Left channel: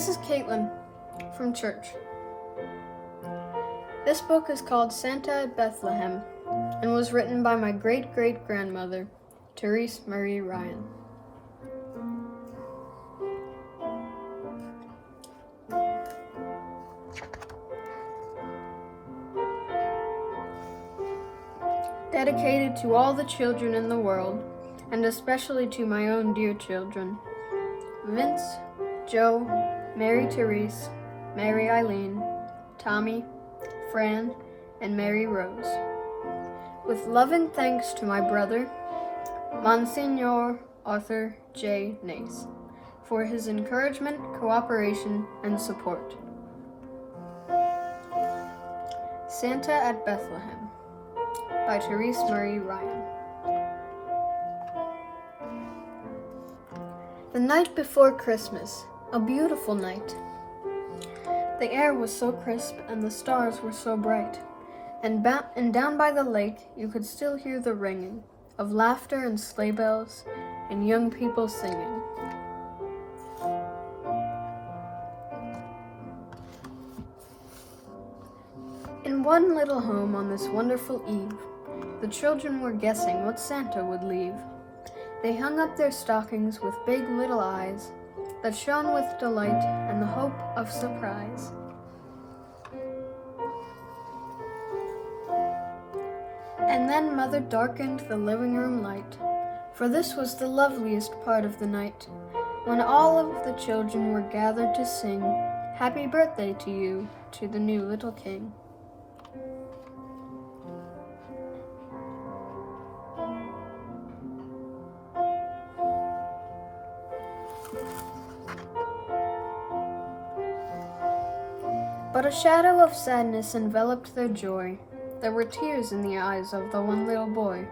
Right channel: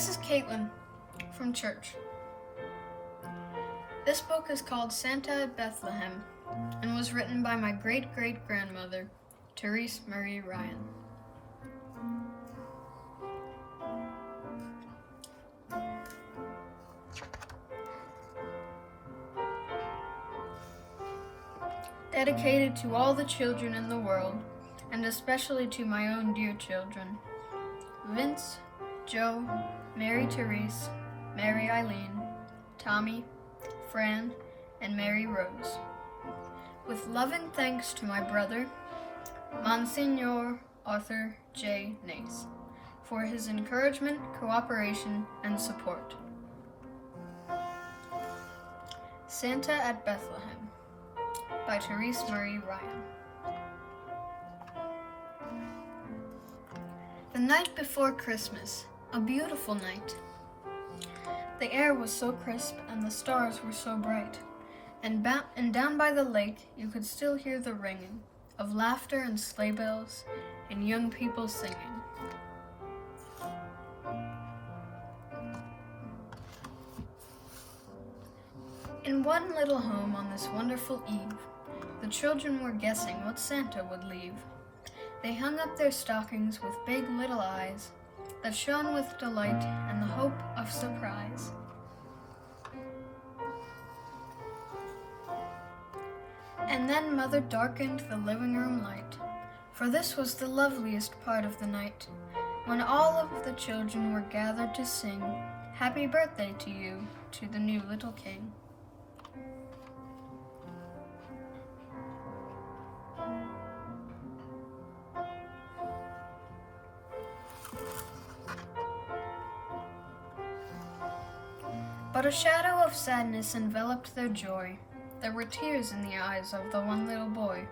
This is Caitlin from church. This book is called Santa at Bethlehem and was written by my great-great-grandmother, Therese Marie Ryan. Dedicated to all the children in the world, and especially to my own dear children, Vince, Joe, Mary Therese, Mary Eileen, Tommy, Fran, and Mary Rose. With loving thanks to my brother, Monsignor Arthur J. Nace, for his encouragement, cooperation, and support. Santa at Bethlehem by Therese Marie Ryan. The night before Christmas, a beautiful night. The air was so crisp and the stars were so bright, and down by the lake you could still hear the ringing of laughter and sleigh bells and young people singing. In one little home on this wonderful eve, the children were guessing what Santa would leave. They hung up their stockings with big little eyes that shone with delight and the hope of surprise. And then Mother darkened the living room light, for this was the loveliest part of the night, when all of the children were gathered to sing "Happy Birthday to You" to the new little king. But a shadow of sadness enveloped their joy. There were tears in the eyes of the one little boy.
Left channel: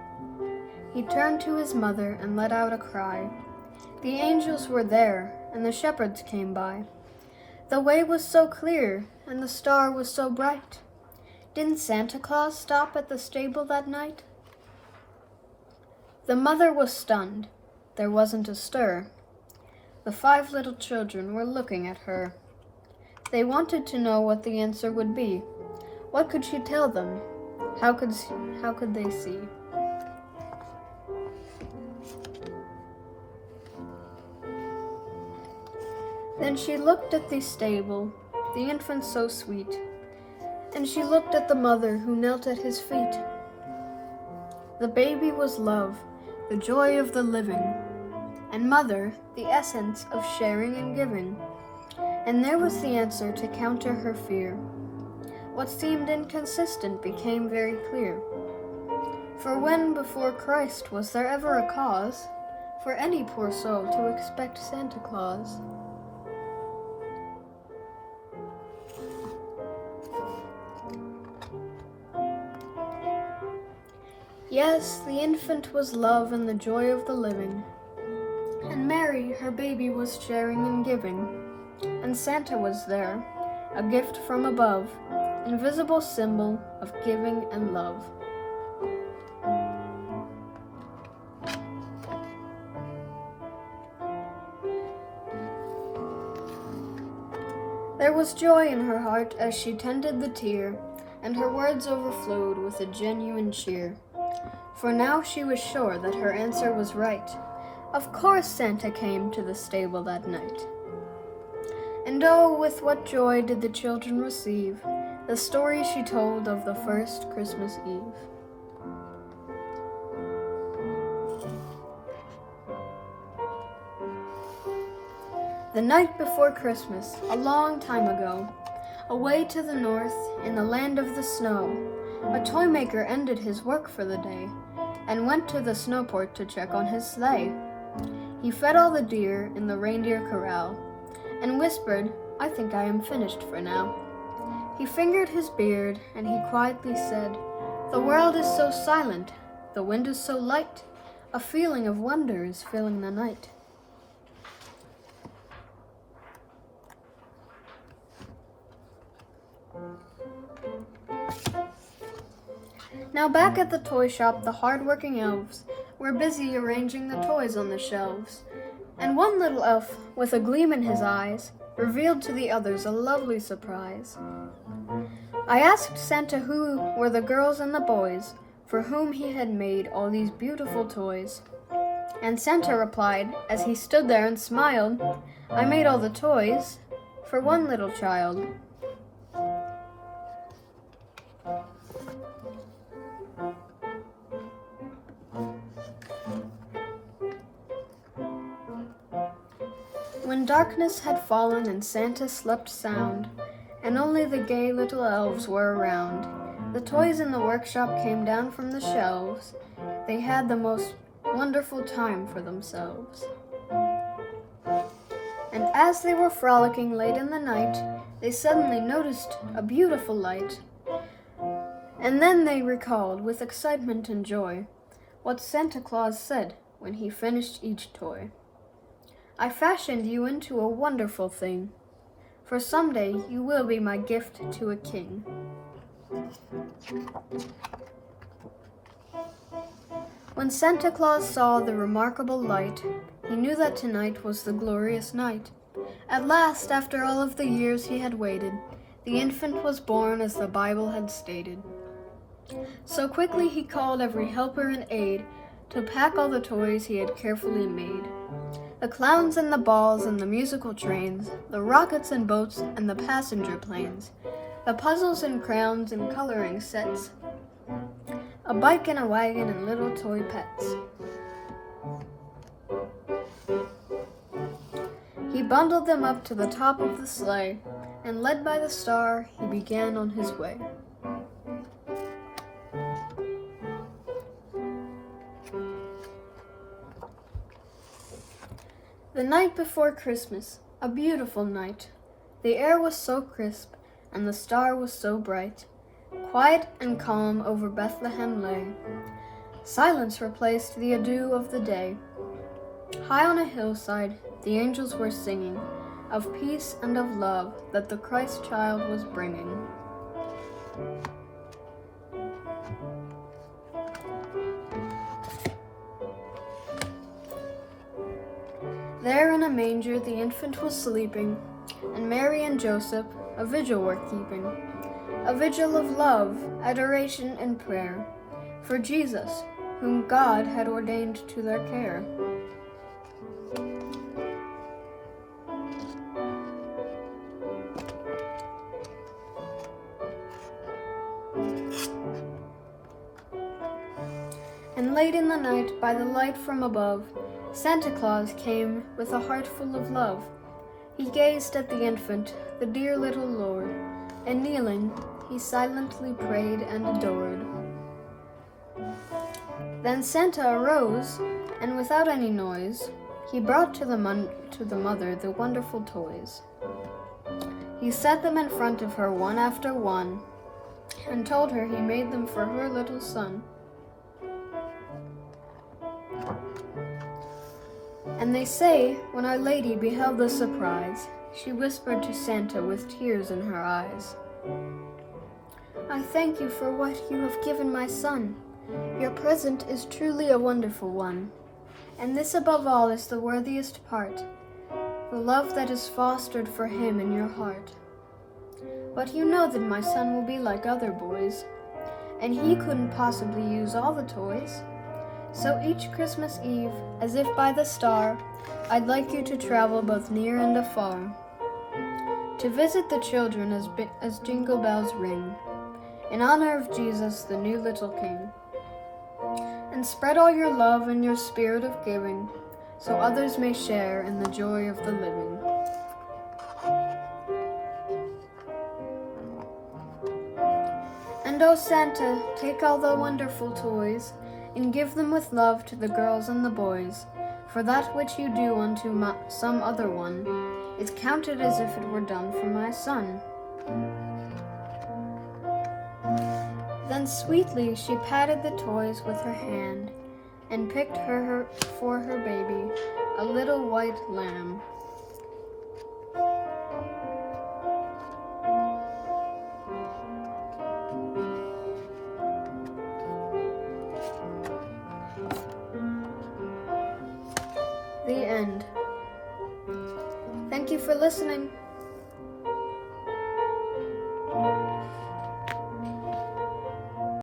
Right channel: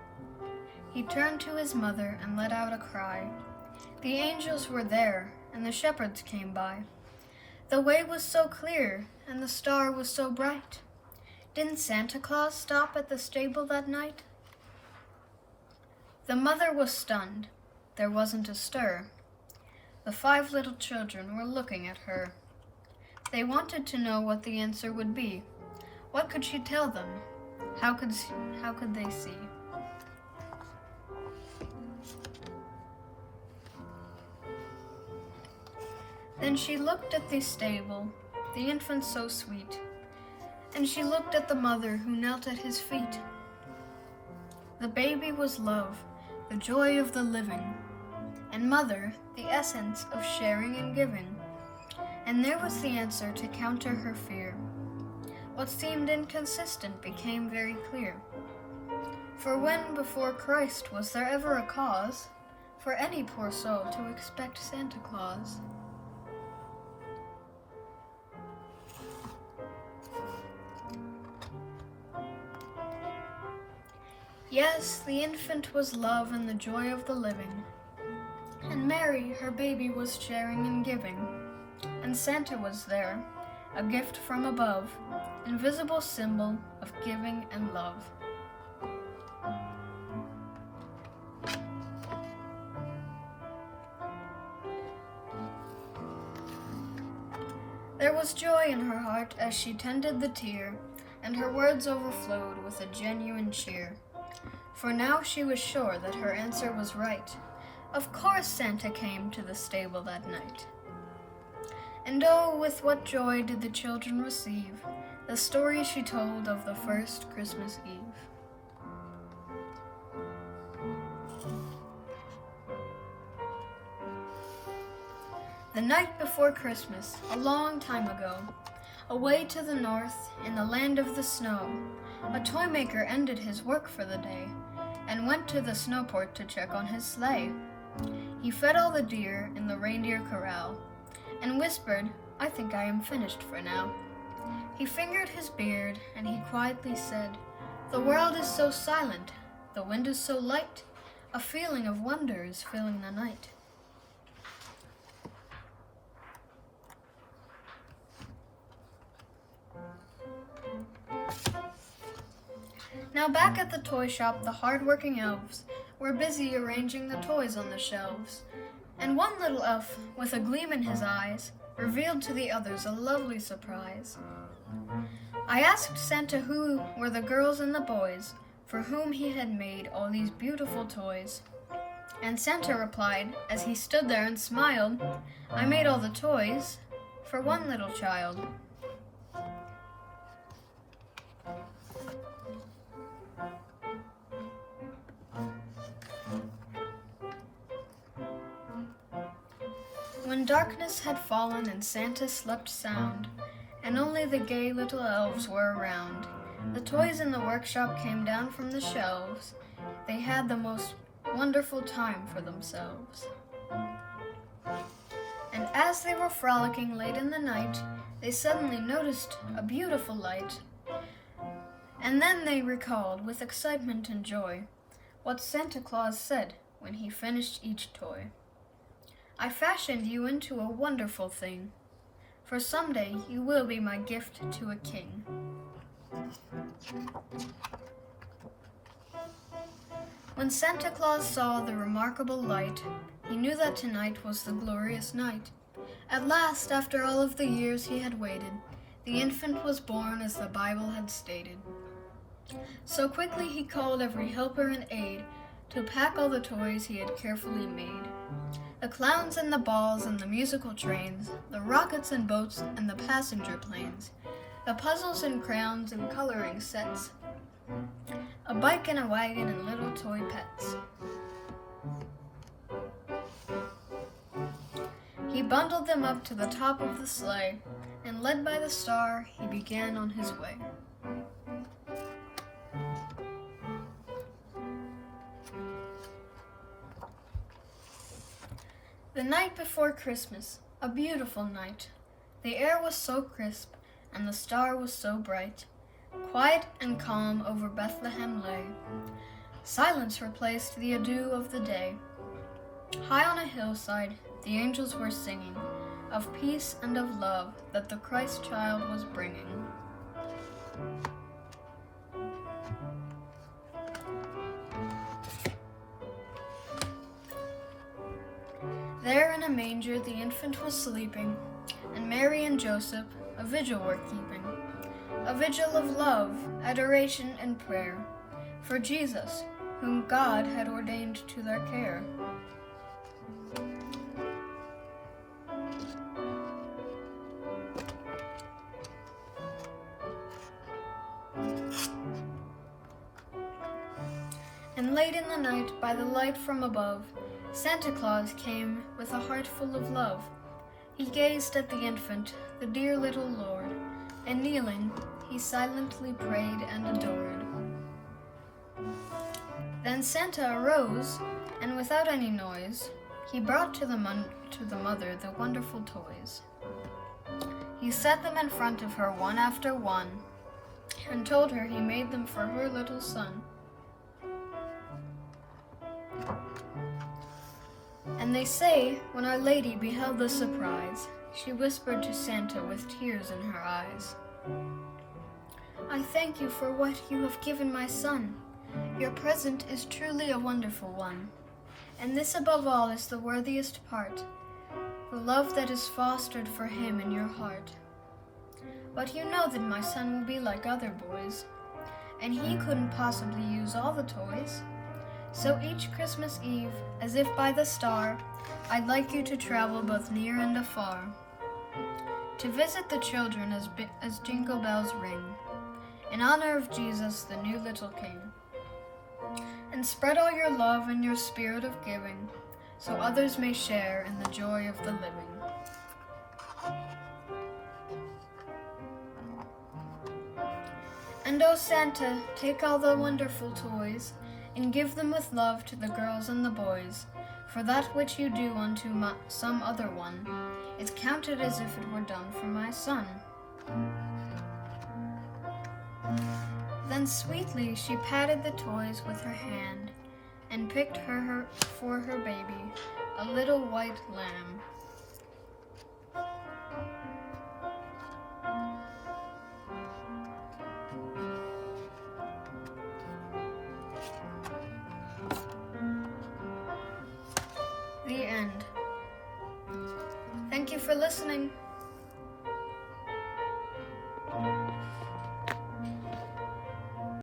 He turned to his mother and let out a cry. The angels were there, and the shepherds came by. The way was so clear, and the star was so bright. Didn't Santa Claus stop at the stable that night? The mother was stunned. There wasn't a stir. The 5 little children were looking at her. They wanted to know what the answer would be. What could she tell them? How could they see? Then she looked at the stable, the infant so sweet, and she looked at the mother who knelt at his feet. The baby was love, the joy of the living, and mother, the essence of sharing and giving. And there was the answer to counter her fear. What seemed inconsistent became very clear. For when before Christ was there ever a cause for any poor soul to expect Santa Claus? Yes, the infant was love and the joy of the living, and Mary, her baby, was sharing and giving. And Santa was there, a gift from above, invisible symbol of giving and love. There was joy in her heart as she tended the tear, and her words overflowed with a genuine cheer. For now she was sure that her answer was right. Of course Santa came to the stable that night. And oh, with what joy did the children receive the story she told of the first Christmas Eve. The night before Christmas, a long time ago, away to the north, in the land of the snow, a toy maker ended his work for the day and went to the snowport to check on his sleigh. He fed all the deer in the reindeer corral and whispered, "I think I am finished for now." He fingered his beard and he quietly said, "The world is so silent, the wind is so light, a feeling of wonder is filling the night." Now back at the toy shop, the hard-working elves were busy arranging the toys on the shelves, and one little elf, with a gleam in his eyes, revealed to the others a lovely surprise. I asked Santa who were the girls and the boys for whom he had made all these beautiful toys. And Santa replied, as he stood there and smiled, "I made all the toys for one little child." When darkness had fallen and Santa slept sound, and only the gay little elves were around, the toys in the workshop came down from the shelves. They had the most wonderful time for themselves. And as they were frolicking late in the night, they suddenly noticed a beautiful light. And then they recalled, with excitement and joy, what Santa Claus said when he finished each toy. "I fashioned you into a wonderful thing, for someday you will be my gift to a king." When Santa Claus saw the remarkable light, he knew that tonight was the glorious night. At last, after all of the years he had waited, the infant was born as the Bible had stated. So quickly he called every helper and aid to pack all the toys he had carefully made. The clowns and the balls and the musical trains, the rockets and boats and the passenger planes, the puzzles and crayons and coloring sets, a bike and a wagon and little toy pets. He bundled them up to the top of the sleigh, and led by the star, he began on his way. The night before Christmas, a beautiful night. The air was so crisp, and the star was so bright. Quiet and calm over Bethlehem lay. Silence replaced the ado of the day. High on a hillside, the angels were singing of peace and of love that the Christ child was bringing. There in a manger the infant was sleeping, and Mary and Joseph a vigil were keeping. A vigil of love, adoration, and prayer for Jesus, whom God had ordained to their care. And late in the night, by the light from above, Santa Claus came with a heart full of love. He gazed at the infant, the dear little Lord, and kneeling, he silently prayed and adored. Then Santa arose, and without any noise, he brought to the mother the wonderful toys. He set them in front of her one after one, and told her he made them for her little son. And they say, when Our Lady beheld the surprise, she whispered to Santa with tears in her eyes, "I thank you for what you have given my son. Your present is truly a wonderful one, and this above all is the worthiest part, the love that is fostered for him in your heart. But you know that my son will be like other boys, and he couldn't possibly use all the toys. So each Christmas Eve, as if by the star, I'd like you to travel both near and afar, to visit the children as jingle bells ring, in honor of Jesus, the new little King. And spread all your love and your spirit of giving, so others may share in the joy of the living." And oh Santa, take all the wonderful toys, and give them with love to the girls and the boys, for that which you do unto some other one is counted as if it were done for my son. Then sweetly she patted the toys with her hand, and picked for her baby a little white lamb. The end. Thank you for listening.